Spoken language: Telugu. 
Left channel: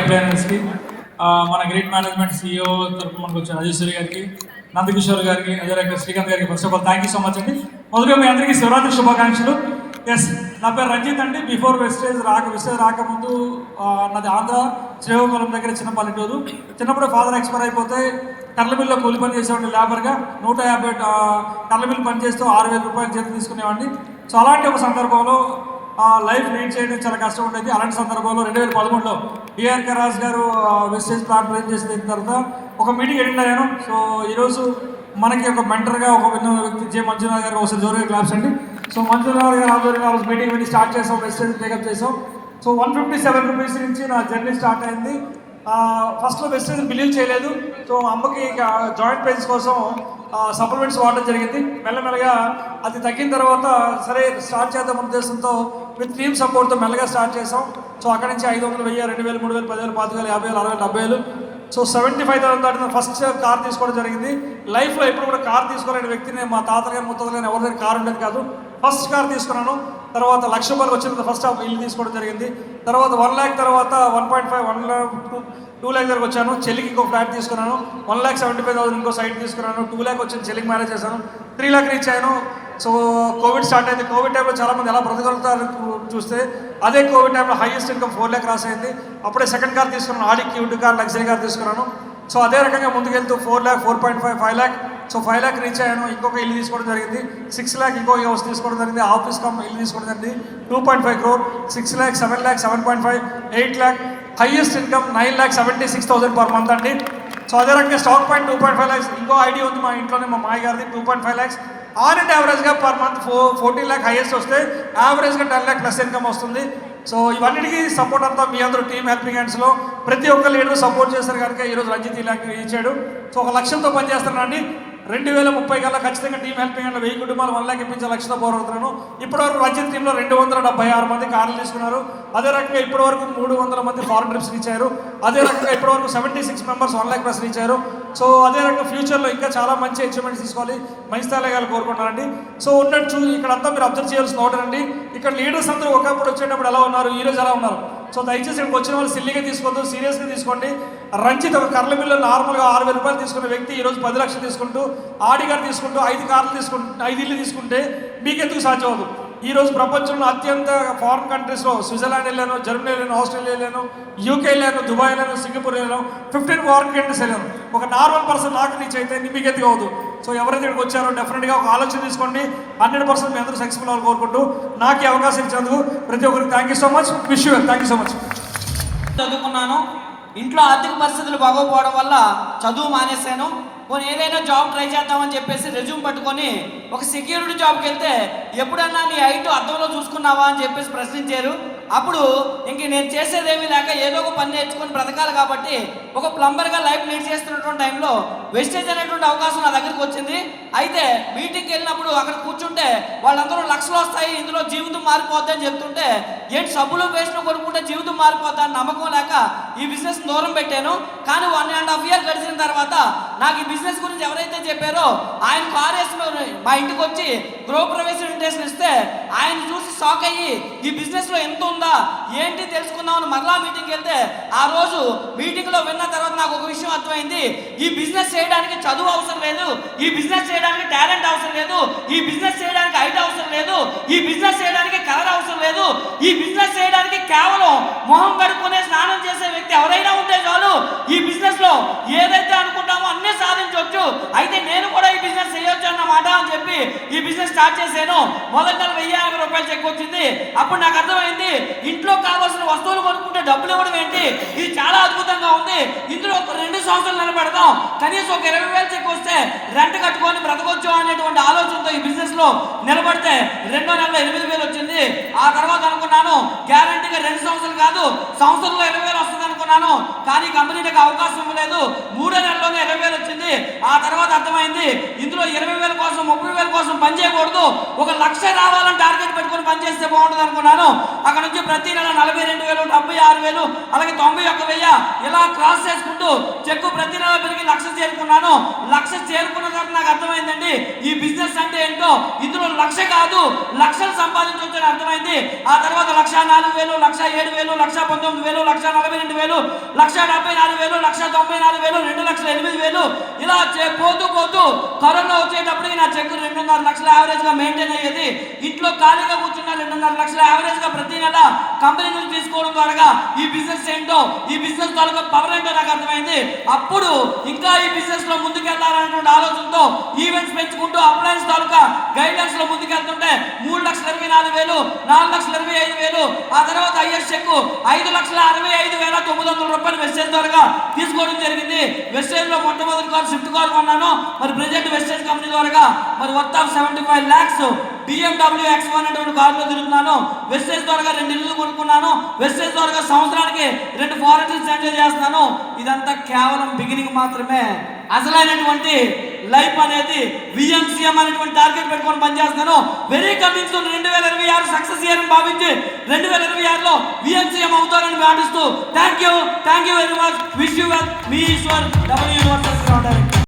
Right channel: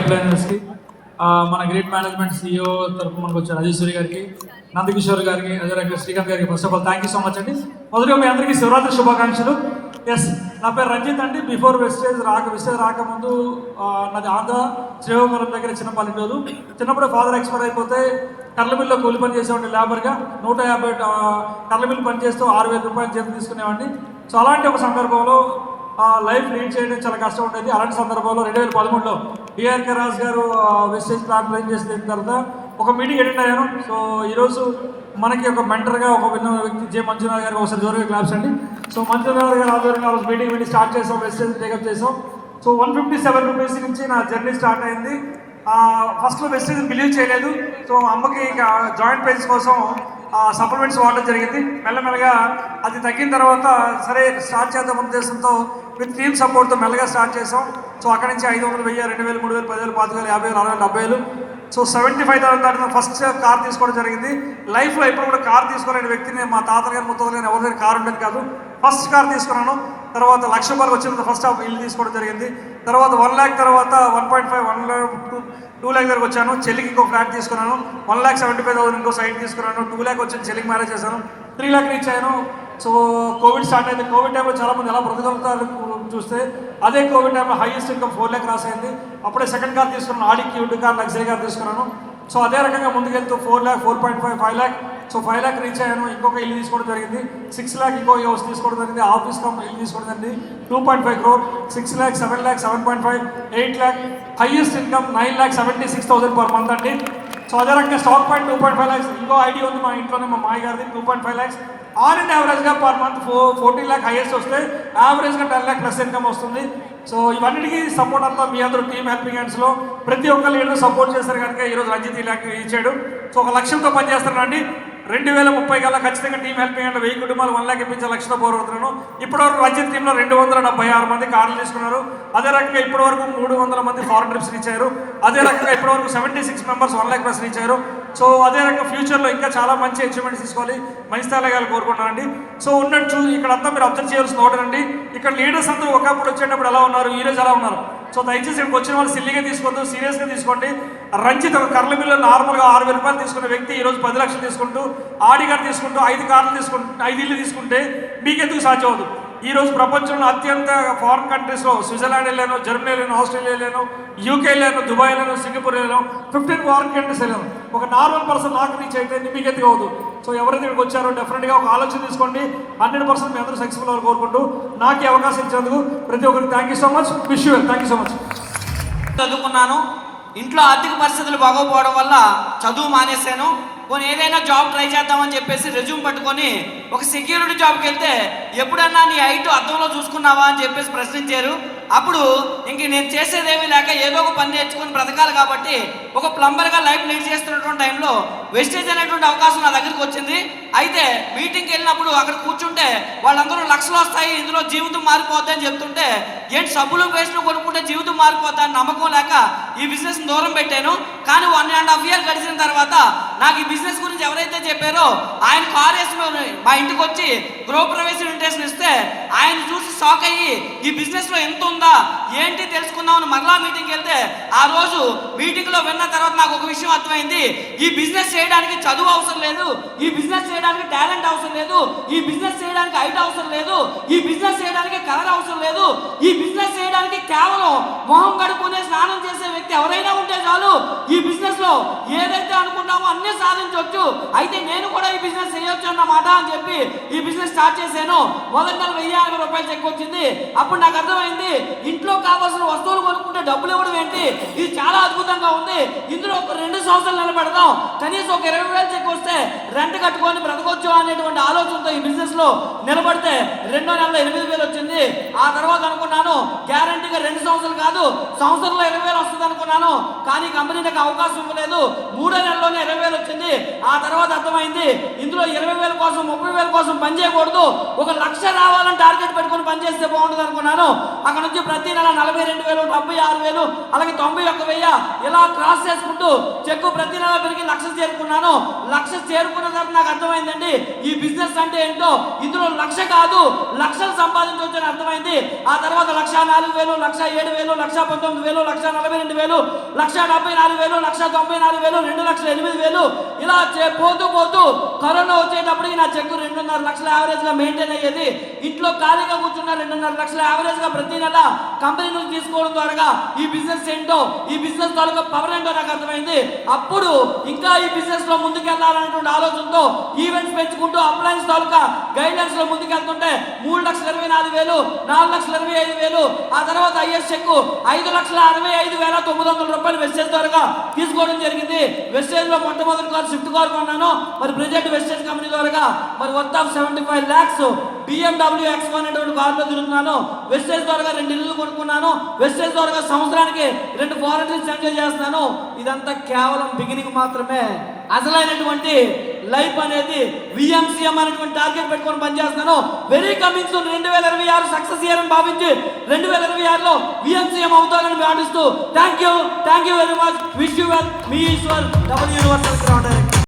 అప్లయన్స్కి మన గ్రేట్ మేనేజ్మెంట్ CEO తరఫున మనకు వచ్చిన రాజేశ్వరి గారికి, నందకిషోర్ గారికి, అదే రకంగా శ్రీకాంత్ గారికి first of all thank you so much అండి. మొదటిగా మీ అందరికీ శివరాత్రి శుభాకాంక్షలు. ఎస్, నా పేరు రంజిత్ అండి. బిఫోర్ వెస్టేజ్ రాకముందు నాది ఆంధ్ర శ్రీకాకుళం దగ్గర చిన్న పల్లెటూరు. చిన్నప్పుడు ఫాదర్ ఎక్స్పైర్ అయిపోతే కర్లమిల్లో కూలి పని చేసేవాడిని లేబర్గా. 150 కర్లమిల్ పని చేస్తూ 6,000 రూపాయలు జీతం తీసుకునేవాడిని. సో అలాంటి ఒక సందర్భంలో లైఫ్ లీడ్ చేయడం చాలా కష్టం ఉండేది. అలాంటి సందర్భంలో 2013లో డిఆర్కే రాజు గారు వెస్టేజ్ ప్లాన్ ప్లాన్ చేసిన తర్వాత ఒక మీటింగ్ అటెండ్ అయ్యాను. సో ఈరోజు మనకి ఒక మెంటర్గా ఒక విన్న వ్యక్తి జే మంజునాథ్ గారికి ఒకసారి జోరుగా క్లాప్స్ అండి. సో మంజునాథ్ గారు ఆధ్వర్యంలో మీటింగ్ వెళ్ళి స్టార్ట్ చేసాం, వెస్టేజ్ టేకప్ చేసాం. సో 157 రూపీస్ నుంచి నా జర్నీ స్టార్ట్ అయింది. ఫస్ట్లో వెస్టేజ్ బిలీవ్ చేయలేదు. సో అమ్మకి జాయింట్ పెయిన్స్ కోసం సప్లిమెంట్స్ వాడడం జరిగింది. మెల్లమెల్లగా అది తగ్గిన తర్వాత సరే స్టార్ట్ చేద్దాం ఉద్దేశంతో విత్ టీమ్ సపోర్ట్తో మెల్లగా స్టార్ట్ చేసాం. సో అక్కడి నుంచి 500, 1000, 2000, 3000, 10,000, 5,000, 50,000, 60,000, 70,000. సో 75,000 దాటిన ఫస్ట్ కార్ తీసుకోవడం జరిగింది. లైఫ్లో ఎప్పుడు కూడా కార్ తీసుకోలేని వ్యక్తిని మా తాతలు కానీ ముత్తలు కానీ ఎవరి దగ్గర కార్ ఉండేది కాదు. ఫస్ట్ కార్ తీసుకున్నాను. తర్వాత ₹1,00,000 వచ్చిన ఫస్ట్ ఇల్లు తీసుకోవడం జరిగింది. తర్వాత 1 lakh తర్వాత 1.5, 1 lakh, 2 lakh దగ్గరకు వచ్చాను. చెల్లికి ఇంకో ఫ్లాట్ తీసుకున్నాను. 1,75,000 ఇంకో సైట్ తీసుకున్నాను. 2 lakh వచ్చింది, చెల్లికి మ్యారేజ్ చేశాను. 3 lakh రీచ్ అయ్యాను. సో కోవిడ్ స్టార్ట్ అయింది. కోవిడ్ టైంలో చాలామంది ఎలా బ్రతకగలుగుతారు చూస్తే అదే కోవిడ్ టైంలో హైయెస్ట్ ఇన్కమ్ 4 lakh క్రాస్ అయింది. అప్పుడే సెకండ్ కార్ తీసుకున్నాను, ఆడి క్యూట్ కార్, లగ్జరీ కార్ తీసుకున్నాను. సో అదే రకంగా ముందుకెళ్తూ 4 lakh, 4.5, 5 lakh. So 5 lakh reach అయ్యాను. ఇంకొక ఇల్లు తీసుకోవడం జరిగింది. 6 lakh ఇంకో హౌస్ తీసుకోవడం జరిగింది. ఆఫీస్ కమ్ ఇల్లు తీసుకోవడం జరిగింది. 2.5 crore, 6 lakh, 7 lakh, 7.5, 8 lakh. Highest income 9,76,000 per month అండి. సో అదే రకంగా స్టాక్ పాయింట్ 2.5 lakhs. ఇంకో ఐడి ఉంది మా ఇంట్లోనే, మా మాయ గారిది, 2.5 lakhs. ఆన్ అండ్ యావరేజ్గా పర్ మంత్ 14 lakh హైయెస్ట్ వస్తే యావరేజ్గా 10 lakh ప్లస్ ఇన్కమ్ వస్తుంది. సో ఇవన్నిటికీ సపోర్ట్ అంతా మీ అందరూ టీమ్ హెల్పింగ్ హ్యాండ్స్లో ప్రతి ఒక్క లీడర్ సపోర్ట్ చేస్తారు కనుక ఈరోజు రంజిత్ ఇలా ఇచ్చాడు. సో ఒక లక్ష్యంతో పనిచేస్తానండి. 2030 కల్లా ఖచ్చితంగా టీమ్ హెల్పింగ్ హ్యాండ్లో 1000 కుటుంబాలు 1 lakh ఇప్పించే లక్ష్యంతో పోరాడుతున్నాను. ఇప్పటివరకు రంజిత్ టీంలో 276 మంది కార్లు తీసుకున్నారు. అదే రకంగా ఇప్పటివరకు 300 మంది ఫారెన్ ట్రిప్స్ రీచ్ అయ్యారు. అదే రకంగా ఇప్పటివరకు 76 members 1 lakh ప్లస్ రీచ్ అయ్యారు. సో అదే రకంగా ఫ్యూచర్లో ఇంకా చాలా మంచి అచీవ్మెంట్స్ తీసుకోవాలి, మంచి స్థాయిగా కోరుకుంటానండి. సో ఉన్నట్టు ఇక్కడంతా మీరు అబ్జర్వ్ చేయాల్సిన ఒకటండి, ఇక్కడ లీడర్స్ అందరూ ఒకప్పుడు వచ్చేటప్పుడు ఎలా ఉన్నారు, ఈరోజు ఎలా ఉన్నారు. సో దయచేసి ఇక్కడికి వచ్చిన వాళ్ళు సిల్లీగా తీసుకోవద్దు, సీరియస్గా తీసుకోండి. రంజిత్ ఒక కర్లమిల్లో నార్మల్గా 6,000 రూపాయలు తీసుకునే వ్యక్తి ఈరోజు 10 లక్షలు తీసుకుంటూ, ఆడి గారు తీసుకుంటూ 5 కార్లు తీసుకుంటూ 5 ఇల్లు తీసుకుంటే మీకెందుకు సాధ్యం అవుతుంది. ఈరోజు ప్రపంచంలో అత్యంత ఫారిన్ కంట్రీస్లో స్విట్జర్లాండ్ వెళ్ళాను, జర్మనీ వెళ్ళాను, ఆస్ట్రేలియా వెళ్ళాను, యూకే వెళ్ళాను, దుబాయ్ వెళ్ళాను, సింగపూర్ వెళ్ళాను, 15 ఫారిన్ కంట్రీస్ వెళ్ళాను. ఒక నార్మల్ పర్సన్ నాకు రీచ్ అయితే మీకు ఎందుకు అవ్వదు. సో ఎవరైతే ఇక్కడికి వచ్చారో డెఫినెట్గా ఒక ఆలోచన తీసుకోండి. 100% మీ అందరూ సక్సెస్ఫుల్ అవ్వాలి కోరుకుంటూ నాకు ఈ అవకాశం ఇచ్చినందుకు ప్రతి ఒక్కరికి thank you so much. Wish you well. Thank you so much. చదువుకున్నాను. ఇంట్లో ఆర్థిక పరిస్థితులు బాగోపోవడం వల్ల చదువు మానేశాను. పోనీ ఏదైనా జాబ్ ట్రై చేద్దామని చెప్పేసి రెజ్యూమ్ పట్టుకొని ఒక సెక్యూరిటీ జాబ్కి వెళ్తే ఎప్పుడన్నా నీ హైట్ అద్దంలో చూసుకున్నావా అని చెప్పేసి ప్రశ్నించారు. అప్పుడు ఇంక నేను చేసేదేమీ లేక ఏదో ఒక పని నేర్చుకొని బ్రతకాలి కాబట్టి ఒక ప్లంబర్గా లైఫ్ లీడ్ చేస్తున్నటువంటి టైంలో వెస్టేజ్ అనేటువంటి అవకాశం నా దగ్గరికి వచ్చింది. అయితే మీటింగ్కి వెళ్ళినప్పుడు అక్కడ కూర్చుంటే వాళ్ళందరూ లక్షలు వస్తాయి, ఇందులో జీవితం మారిపోద్ది అని చెప్తుంటే ఏంటి సబ్బులు పేస్ట్లు కొనుక్కుంటే జీవితం మారిపోద్ది అని నమ్మకం లేక ఈ బిజినెస్ దూరం పెట్టాను. కానీ 1.5 year గడిచిన తర్వాత నాకు ఈ బిజినెస్ గురించి ఎవరైతే చెప్పారో ఆయన కార్ వేసి మా ఇంటికి వచ్చి గృహప్రవేశ ఇన్విటేషన్ ఇస్తే ఆయన చూసి షాక్ అయ్యి ఈ బిజినెస్లో ఎంత ఉందా ఏంటి తెలుసుకుందామని మరలా మీటింగ్కి వెళ్తే ఆ రోజు మీటింగ్లో విన్న తర్వాత నాకు ఒక విషయం అర్థమైంది. ఈ బిజినెస్ చేయడానికి చదువు అవసరం లేదు, ఈ బిజినెస్ చేయడానికి టాలెంట్ అవసరం లేదు, ఈ బిజినెస్ చేయడానికి హైట్ అవసరం లేదు, ఈ బిజినెస్ చేయడానికి కలర్ అవసరం లేదు, ఈ బిజినెస్ చేయడానికి కేవలం మొహం కడుక్కునే స్నానం చేసే వ్యక్తి ఎవరైనా ఉంటే చాలు ఈ బిజినెస్ లో ఏదైతే అనుకుంటామో అన్ని సాధించవచ్చు. అయితే నేను కూడా ఈ బిజినెస్ చేయొచ్చు అన్నమాట అని చెప్పి ఈ బిజినెస్ స్టార్ట్ చేశాను. మొదటి నెల 1,050 రూపాయలు చెక్ వచ్చింది. అప్పుడు నాకు అర్థమైంది ఇంట్లో కావాల్సిన వస్తువులు కొనుక్కుంటే డబ్బులు ఇవ్వడం ఏంటి, ఇది చాలా అద్భుతంగా ఉంది. ఇందులో ఒక 2 సంవత్సరాలు నిలబెడదాం, కనీసం ఒక 20,000 చెక్ వస్తే రెంట్ కట్టుకొని బ్రతకొచ్చు అనేటువంటి ఆలోచనతో ఈ బిజినెస్ లో నిలబడితే 2వ నెలలో 8,000 వచ్చింది. ఆ తర్వాత అనుకున్నాను గ్యారంటీగా 2 సంవత్సరాలు కాదు సంవత్సరంలో 20,000 వస్తుంది అనుకున్నాను. కానీ కంపెనీ నాకు అవకాశం ఇవ్వలేదు. 3వ నెలలోనే 20,000 వచ్చింది. ఆ తర్వాత అర్థమైంది ఇందులో 20,000 కోసం 30,000 కోసం కోసం పని చేయకూడదు, 1 లక్ష రావాలని టార్గెట్ పెట్టుకుని పనిచేస్తే బాగుంటుంది అనుకున్నాను. అక్కడ నుంచి ప్రతి నెల 42,000, 76,000, అలాగే 91,000 ఇలా క్రాస్ చేసుకుంటూ చెక్కు ప్రతి నెల పెరిగి 1,00,000 చేరుకున్నాను. 1,00,000 చేరుకున్న తర్వాత నాకు అర్థమైందండి ఈ బిజినెస్ అంటే ఏంటో. ఇందులో 1,00,000 కాదు, లక్షలు సంపాదించవచ్చు అని అర్థమైంది. ఆ తర్వాత 1,04,000, 1,07,000, 1,19,000, 1,42,000, 1,74,000, 1,94,000, 2,08,000 ఇలా పోతూ పోతూ త్వరలో వచ్చేటప్పటికి నా చెక్కు 2.5 లక్షల యావరేజ్ గా మెయింటైన్ అయ్యేది. ఇంట్లో ఖాళీగా కూర్చున్న 2.5 లక్షల యావరేజ్ గా ప్రతి నెల కంపెనీ నుంచి తీసుకోవడం ద్వారా ఈ బిజినెస్ ఏంటో, ఈ బిజినెస్ తాలూకా పవర్ ఏంటో నాకు అర్థమైంది. అప్పుడు ఇంకా ఈ బిజినెస్ లో ముందుకెళ్లాలనేటువంటి ఆలోచనతో ఈవెంట్స్ పెంచుకుంటూ అప్లయన్స్ తాలూకా గైడ్లైన్స్ లో ముందుకెళ్తుంటే 3,24,000, 4,25,000, ఆ తర్వాత ఐఎస్ చెక్ 5,65,900 రూపాయలు వెస్టేజ్ ద్వారా తీసుకోవడం జరిగింది. వెస్టేజ్ లో మొట్టమొదటి కారు స్విఫ్ట్ కార్ కొన్నాను. మరి ప్రెజెంట్ వెస్టేజ్ కంపెనీ ద్వారా మరి worth of 75 lakhs BMW X1 అనేటువంటి కారులో తిరుగుతున్నాను. వెస్టేజ్ ద్వారా 2 ఇల్లు కొనుక్కున్నాను. వెస్టేజ్ ద్వారా సంవత్సరానికి 2 ఫారెన్స్ ఎంజాయ్ చేస్తున్నాను. ఇదంతా కేవలం బిగినింగ్ మాత్రమే. అసలైనటువంటి లైఫ్ అనేది విఎంసీఎం అనేటువంటి టార్గెట్ పెట్టుకొని పనిచేస్తాను. Very coming soon 2026 success year అని భావించి 2026లో విఎంసీఎం అవుతారని భావిస్తూ thank you very much. Wish you well. మీ ఈశ్వర్.